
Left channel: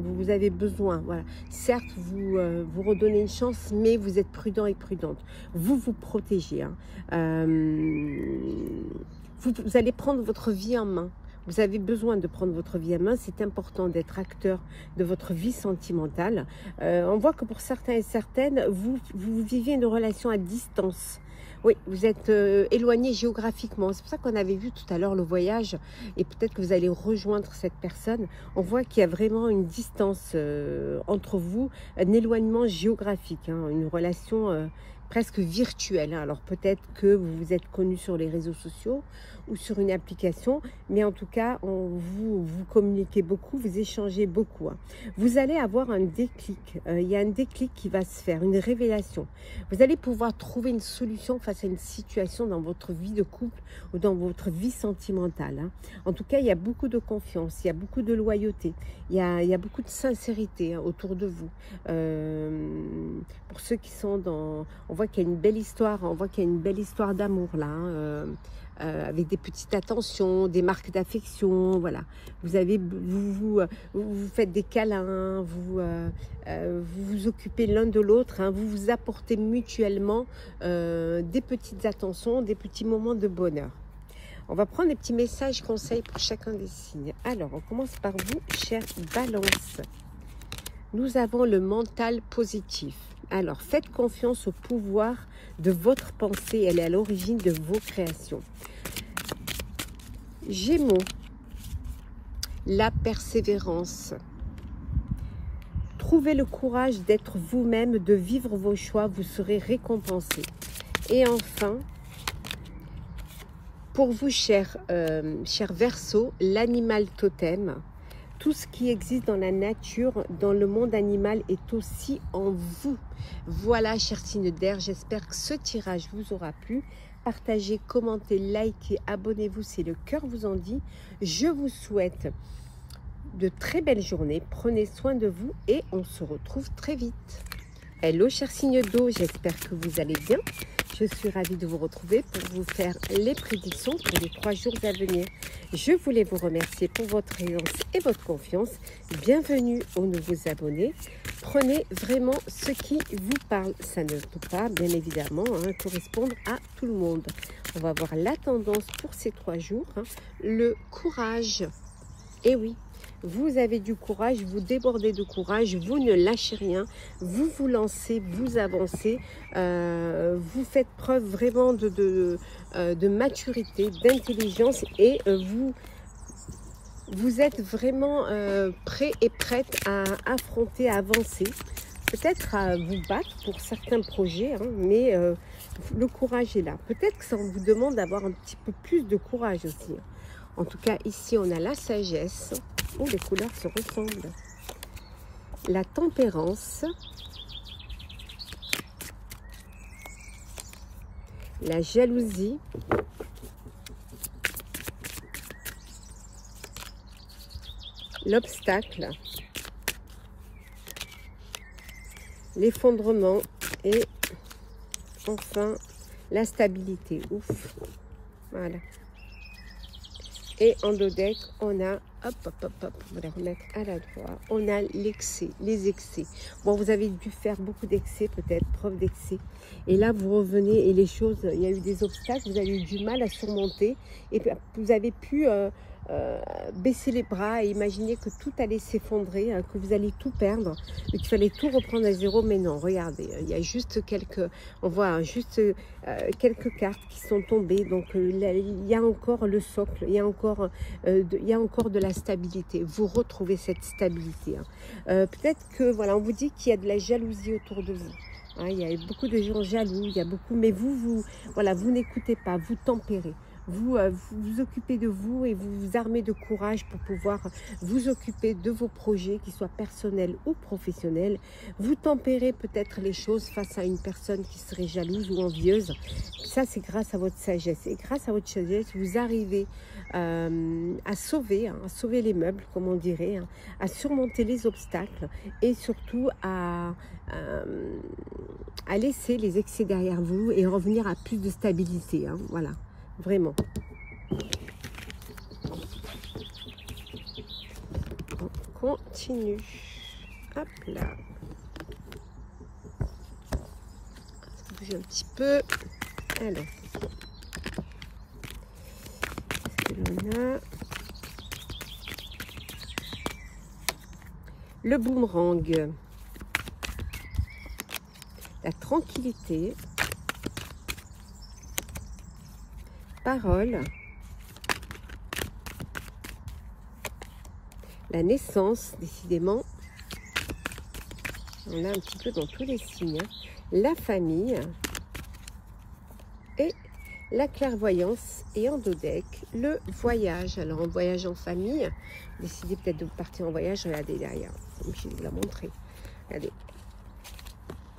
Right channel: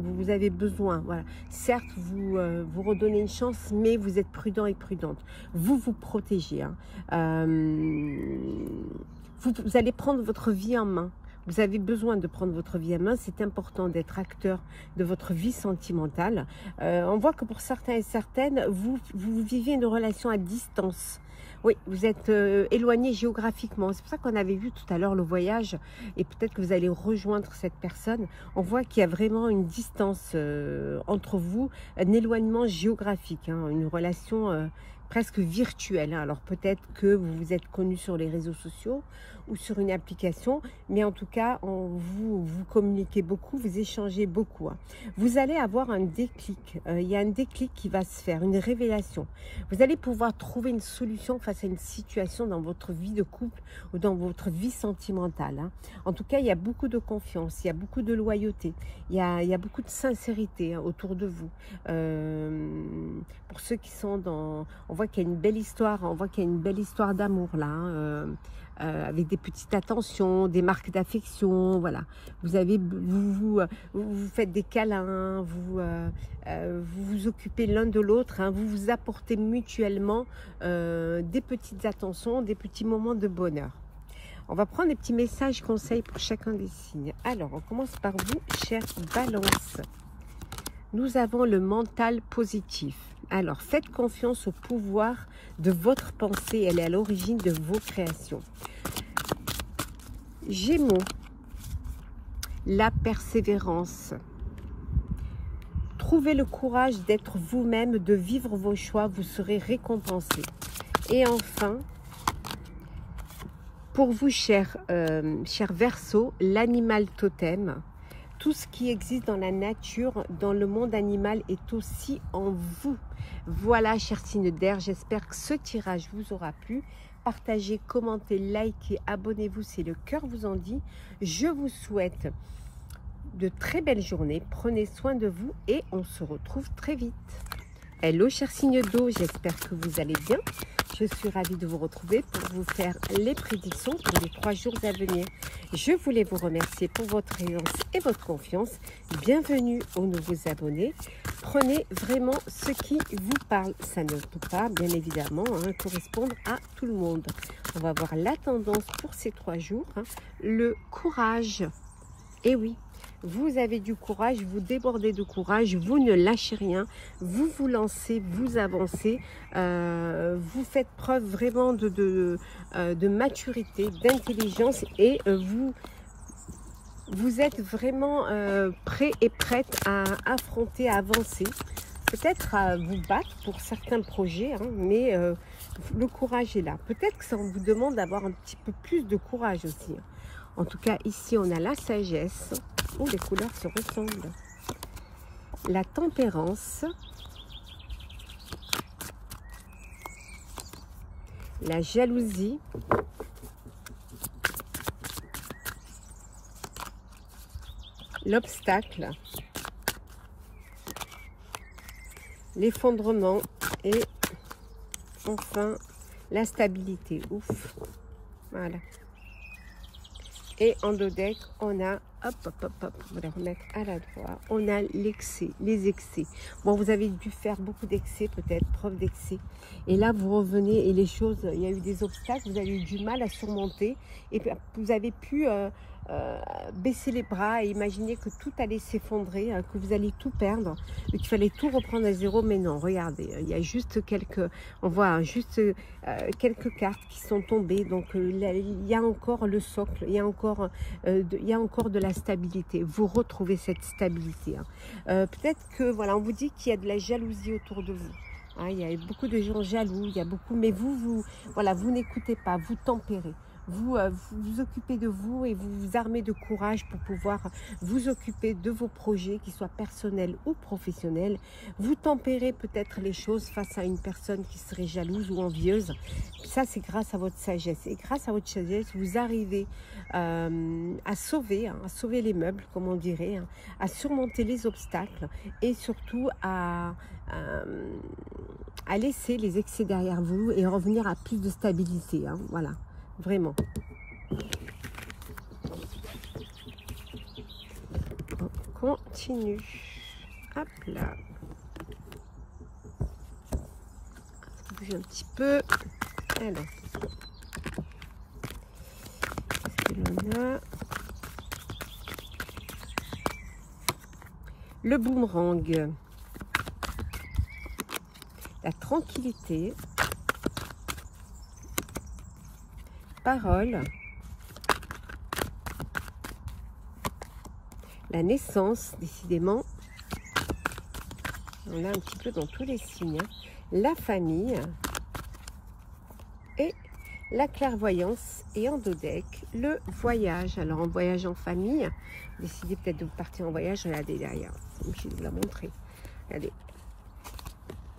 voilà. Certes, vous redonnez une chance, mais vous êtes prudent et prudente. Vous vous protégez. Hein. Vous allez prendre votre vie en main. Vous avez besoin de prendre votre vie en main. C'est important d'être acteur de votre vie sentimentale. On voit que pour certains et certaines, vous vivez une relation à distance. Oui, vous êtes éloigné géographiquement. C'est pour ça qu'on avait vu tout à l'heure le voyage. Et peut-être que vous allez rejoindre cette personne. On voit qu'il y a vraiment une distance entre vous, un éloignement géographique, hein, une relation presque virtuelle. Hein. Alors peut-être que vous vous êtes connus sur les réseaux sociaux ou sur une application, mais en tout cas, vous communiquez beaucoup, vous échangez beaucoup. Hein. Vous allez avoir un déclic. Il y a un déclic qui va se faire, une révélation. Vous allez pouvoir trouver une solution face à une situation dans votre vie de couple ou dans votre vie sentimentale. Hein. En tout cas, il y a beaucoup de confiance, il y a beaucoup de loyauté, il y a beaucoup de sincérité, hein, autour de vous. Pour ceux qui sont dans... On voit qu'il y a une belle histoire, on voit qu'il y a une belle histoire d'amour là, hein, avec des petites attentions, des marques d'affection, voilà. Vous faites des câlins, vous vous occupez l'un de l'autre, hein, vous vous apportez mutuellement des petites attentions, des petits moments de bonheur. On va prendre des petits messages conseils pour chacun des signes. Alors, on commence par vous, chère Balance. Nous avons le mental positif. Alors, faites confiance au pouvoir de votre pensée. Elle est à l'origine de vos créations. Gémeaux, la persévérance. Trouvez le courage d'être vous-même, de vivre vos choix. Vous serez récompensé. Et enfin, pour vous, cher Verseau, l'animal totem. Tout ce qui existe dans la nature, dans le monde animal, est aussi en vous. Voilà, chers signes d'air, j'espère que ce tirage vous aura plu. Partagez, commentez, likez, abonnez-vous si le cœur vous en dit. Je vous souhaite de très belles journées. Prenez soin de vous et on se retrouve très vite. Hello, chers signes d'eau, j'espère que vous allez bien. Je suis ravie de vous retrouver pour vous faire les prédictions pour les 3 jours à venir. Je voulais vous remercier pour votre présence et votre confiance. Bienvenue aux nouveaux abonnés. Prenez vraiment ce qui vous parle. Ça ne peut pas, bien évidemment, hein, correspondre à tout le monde. On va voir la tendance pour ces 3 jours. Hein. Le courage. Et oui, vous avez du courage, vous débordez de courage, vous ne lâchez rien, vous vous lancez, vous avancez, vous faites preuve vraiment de maturité, d'intelligence et vous êtes vraiment prêt et prête à affronter, à avancer, peut-être à vous battre pour certains projets, hein, mais le courage est là. Peut-être que ça vous demande d'avoir un petit peu plus de courage aussi. En tout cas, ici, on a la sagesse. Oh, les couleurs se ressemblent. La tempérance. La jalousie. L'obstacle. L'effondrement. Et enfin, la stabilité. Ouf. Voilà. Et en dos deck, on a hop, hop, hop, hop, on va remettre à l'endroit. On a l'excès, les excès. Bon, vous avez dû faire beaucoup d'excès, peut-être, preuve d'excès. Et là, vous revenez et les choses, il y a eu des obstacles, vous avez eu du mal à surmonter. Et puis, vous avez pu baisser les bras et imaginer que tout allait s'effondrer, hein, que vous allez tout perdre, qu'il fallait tout reprendre à zéro. Mais non, regardez, il y a juste quelques, on voit juste quelques cartes qui sont tombées. Donc, il y a encore le socle, il y a encore de la stabilité. Vous retrouvez cette stabilité. Hein. Peut-être que, voilà, on vous dit qu'il y a de la jalousie autour de vous. Hein, il y a beaucoup de gens jaloux, il y a beaucoup, mais voilà, vous n'écoutez pas, vous tempérez. Vous vous occupez de vous et vous vous armez de courage pour pouvoir vous occuper de vos projets, qu'ils soient personnels ou professionnels. Vous tempérez peut-être les choses face à une personne qui serait jalouse ou envieuse. Ça, c'est grâce à votre sagesse. Et grâce à votre sagesse, vous arrivez à sauver les meubles, comme on dirait, hein, à surmonter les obstacles et surtout à laisser les excès derrière vous et revenir à plus de stabilité. Hein, voilà. Vraiment. On continue. Hop là. Je bouge un petit peu. Alors. Qu'est-ce que l'on a? Le boomerang. La tranquillité. Parole, la naissance, décidément, on a un petit peu dans tous les signes, hein. La famille et la clairvoyance et en dos deck, le voyage. Alors en voyage en famille, décidez peut-être de partir en voyage, regardez derrière, comme je vous l'ai montré, regardez.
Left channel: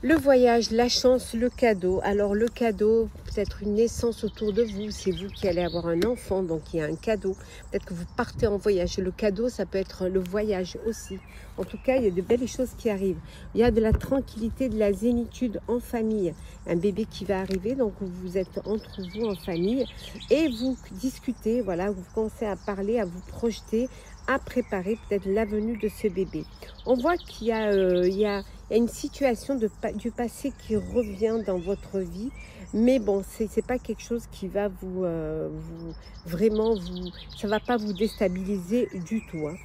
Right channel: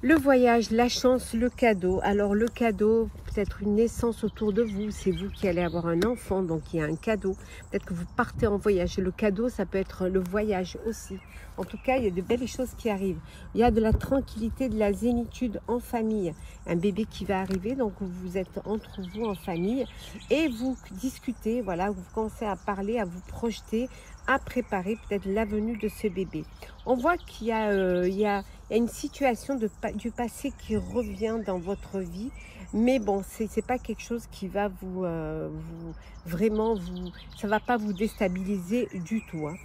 Le voyage, la chance, le cadeau. Alors le cadeau, peut-être une naissance autour de vous. C'est vous qui allez avoir un enfant, donc il y a un cadeau. Peut-être que vous partez en voyage. Et le cadeau, ça peut être le voyage aussi. En tout cas, il y a de belles choses qui arrivent. Il y a de la tranquillité, de la zénitude en famille. Un bébé qui va arriver, donc vous êtes entre vous en famille. Et vous discutez, voilà, vous commencez à parler, à vous projeter, à préparer peut-être la venue de ce bébé. On voit qu'il y a une situation du passé qui revient dans votre vie, mais bon, c'est pas quelque chose qui va ça va pas vous déstabiliser du tout. Hein.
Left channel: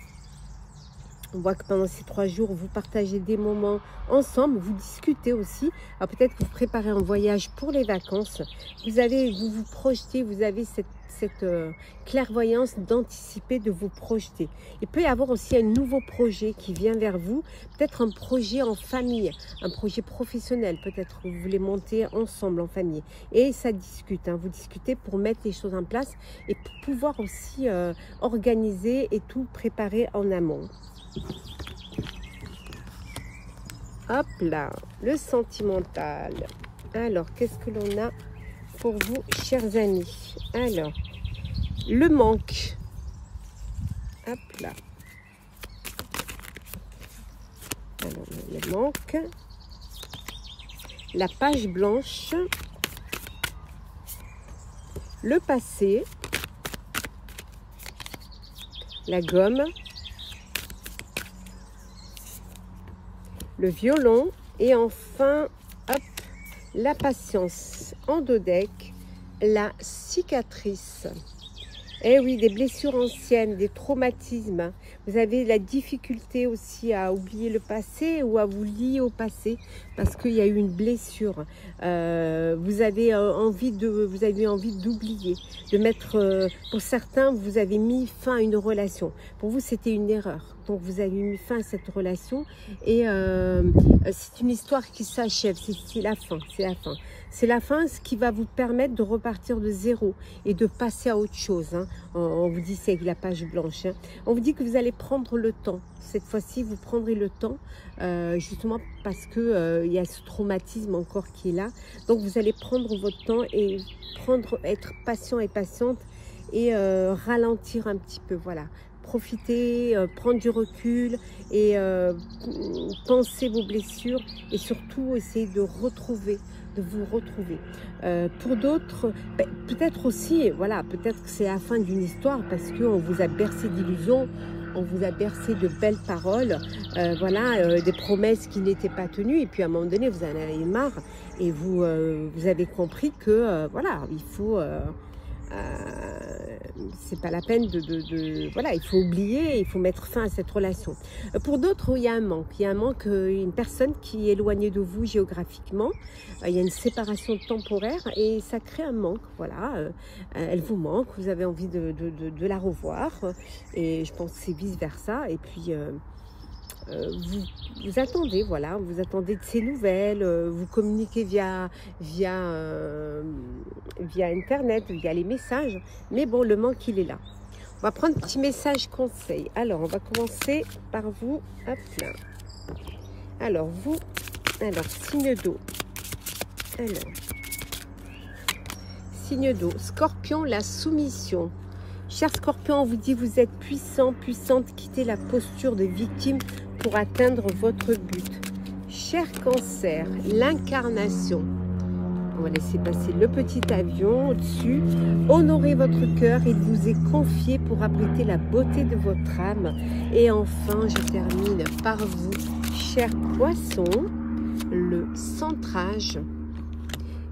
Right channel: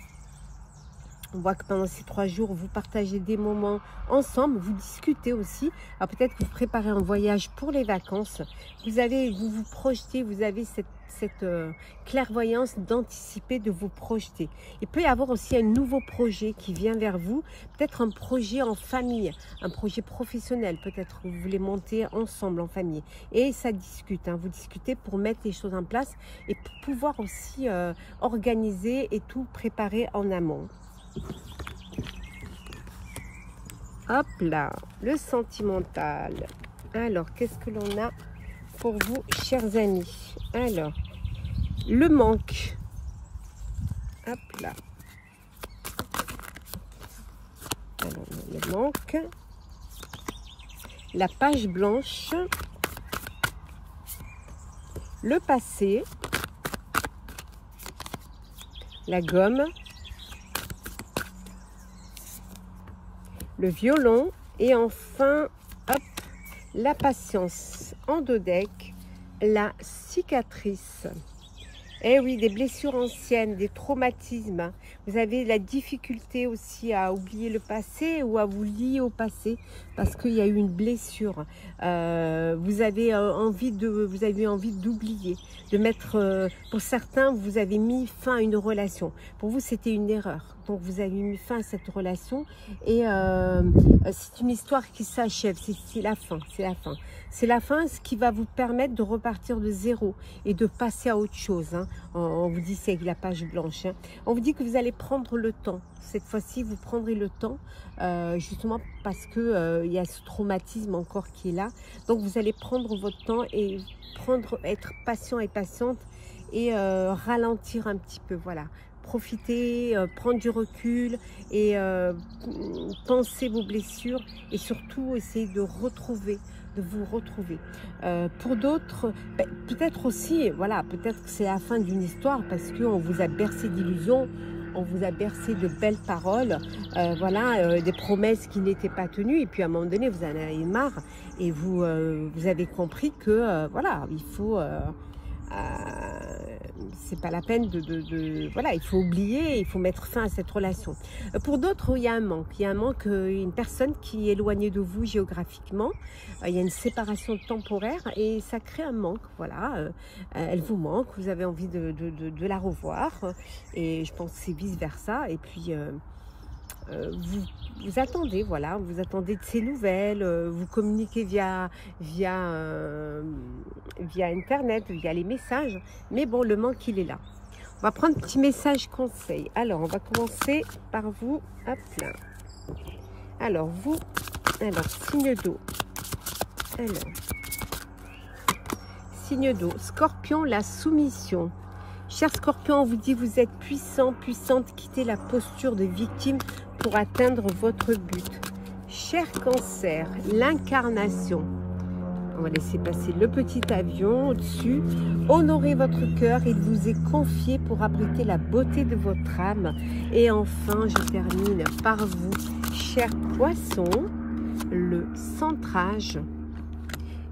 On voit que pendant ces 3 jours, vous partagez des moments ensemble, vous discutez aussi. Alors peut-être que vous préparez un voyage pour les vacances. Vous vous projetez, vous avez cette clairvoyance d'anticiper, de vous projeter. Il peut y avoir aussi un nouveau projet qui vient vers vous, peut-être un projet en famille, un projet professionnel, peut-être que vous voulez monter ensemble en famille. Et ça discute, hein, vous discutez pour mettre les choses en place et pour pouvoir aussi organiser et tout préparer en amont. Hop là, le sentimental. Alors, qu'est-ce que l'on a pour vous, chers amis? Alors, le manque. Hop là. Alors, le manque. La page blanche. Le passé. La gomme. Le violon. Et enfin, hop, la patience. En dos deck, la cicatrice. Eh oui, des blessures anciennes, des traumatismes. Vous avez la difficulté aussi à oublier le passé ou à vous lier au passé parce qu'il y a eu une blessure. Vous avez envie d'oublier, de mettre. Pour certains, vous avez mis fin à une relation. Pour vous, c'était une erreur. Donc, vous avez mis fin à cette relation et c'est une histoire qui s'achève. C'est la fin. C'est la fin. C'est la fin, ce qui va vous permettre de repartir de zéro et de passer à autre chose. Hein. On vous dit c'est avec la page blanche. Hein. On vous dit que vous allez prendre le temps. Cette fois-ci, vous prendrez le temps, justement parce que il y a ce traumatisme encore qui est là. Donc, vous allez prendre votre temps et être patient et patiente et ralentir un petit peu. Voilà. Profiter, prendre du recul et penser vos blessures et surtout essayer de vous retrouver. Pour d'autres, peut-être aussi, voilà, peut-être que c'est la fin d'une histoire parce qu'on vous a bercé d'illusions on vous a bercé de belles paroles, voilà, des promesses qui n'étaient pas tenues, et puis à un moment donné, vous en avez marre, et vous avez compris que, voilà, il faut... c'est pas la peine voilà, il faut oublier, il faut mettre fin à cette relation. Pour d'autres, il y a un manque, une personne qui est éloignée de vous géographiquement, il y a une séparation temporaire et ça crée un manque, voilà, elle vous manque, vous avez envie de la revoir, et je pense que c'est vice versa, et puis vous attendez, voilà, vous attendez de ces nouvelles, vous communiquez via Internet, via les messages, mais bon, le manque, il est là. On va prendre un petit message conseil. Alors, on va commencer par vous. Hop là. Alors, vous, signe d'eau. Alors, signe d'eau. Scorpion, la soumission. Cher Scorpion, on vous dit vous êtes puissant, puissante, quittez la posture de victime pour atteindre votre but. Cher Cancer, l'incarnation. On va laisser passer le petit avion au-dessus. Honorez votre cœur, il vous est confié pour abriter la beauté de votre âme. Et enfin, je termine par vous, cher Poisson, le centrage.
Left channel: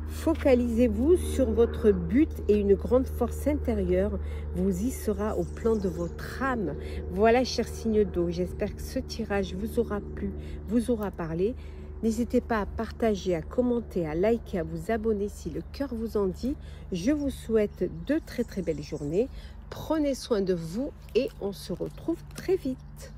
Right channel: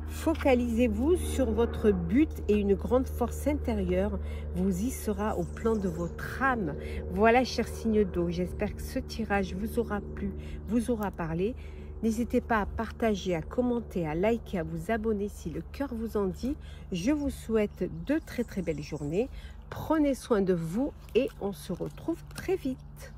Focalisez-vous sur votre but et une grande force intérieure vous y sera au plan de votre âme. Voilà, cher signe d'eau, j'espère que ce tirage vous aura plu, vous aura parlé. N'hésitez pas à partager, à commenter, à liker, à vous abonner si le cœur vous en dit. Je vous souhaite de très très belles journées. Prenez soin de vous et on se retrouve très vite.